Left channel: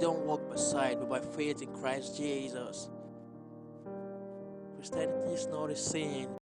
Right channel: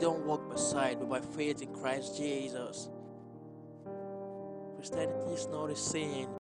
don't walk by sight, but by faith in Christ Jesus. Christianity is not a sin,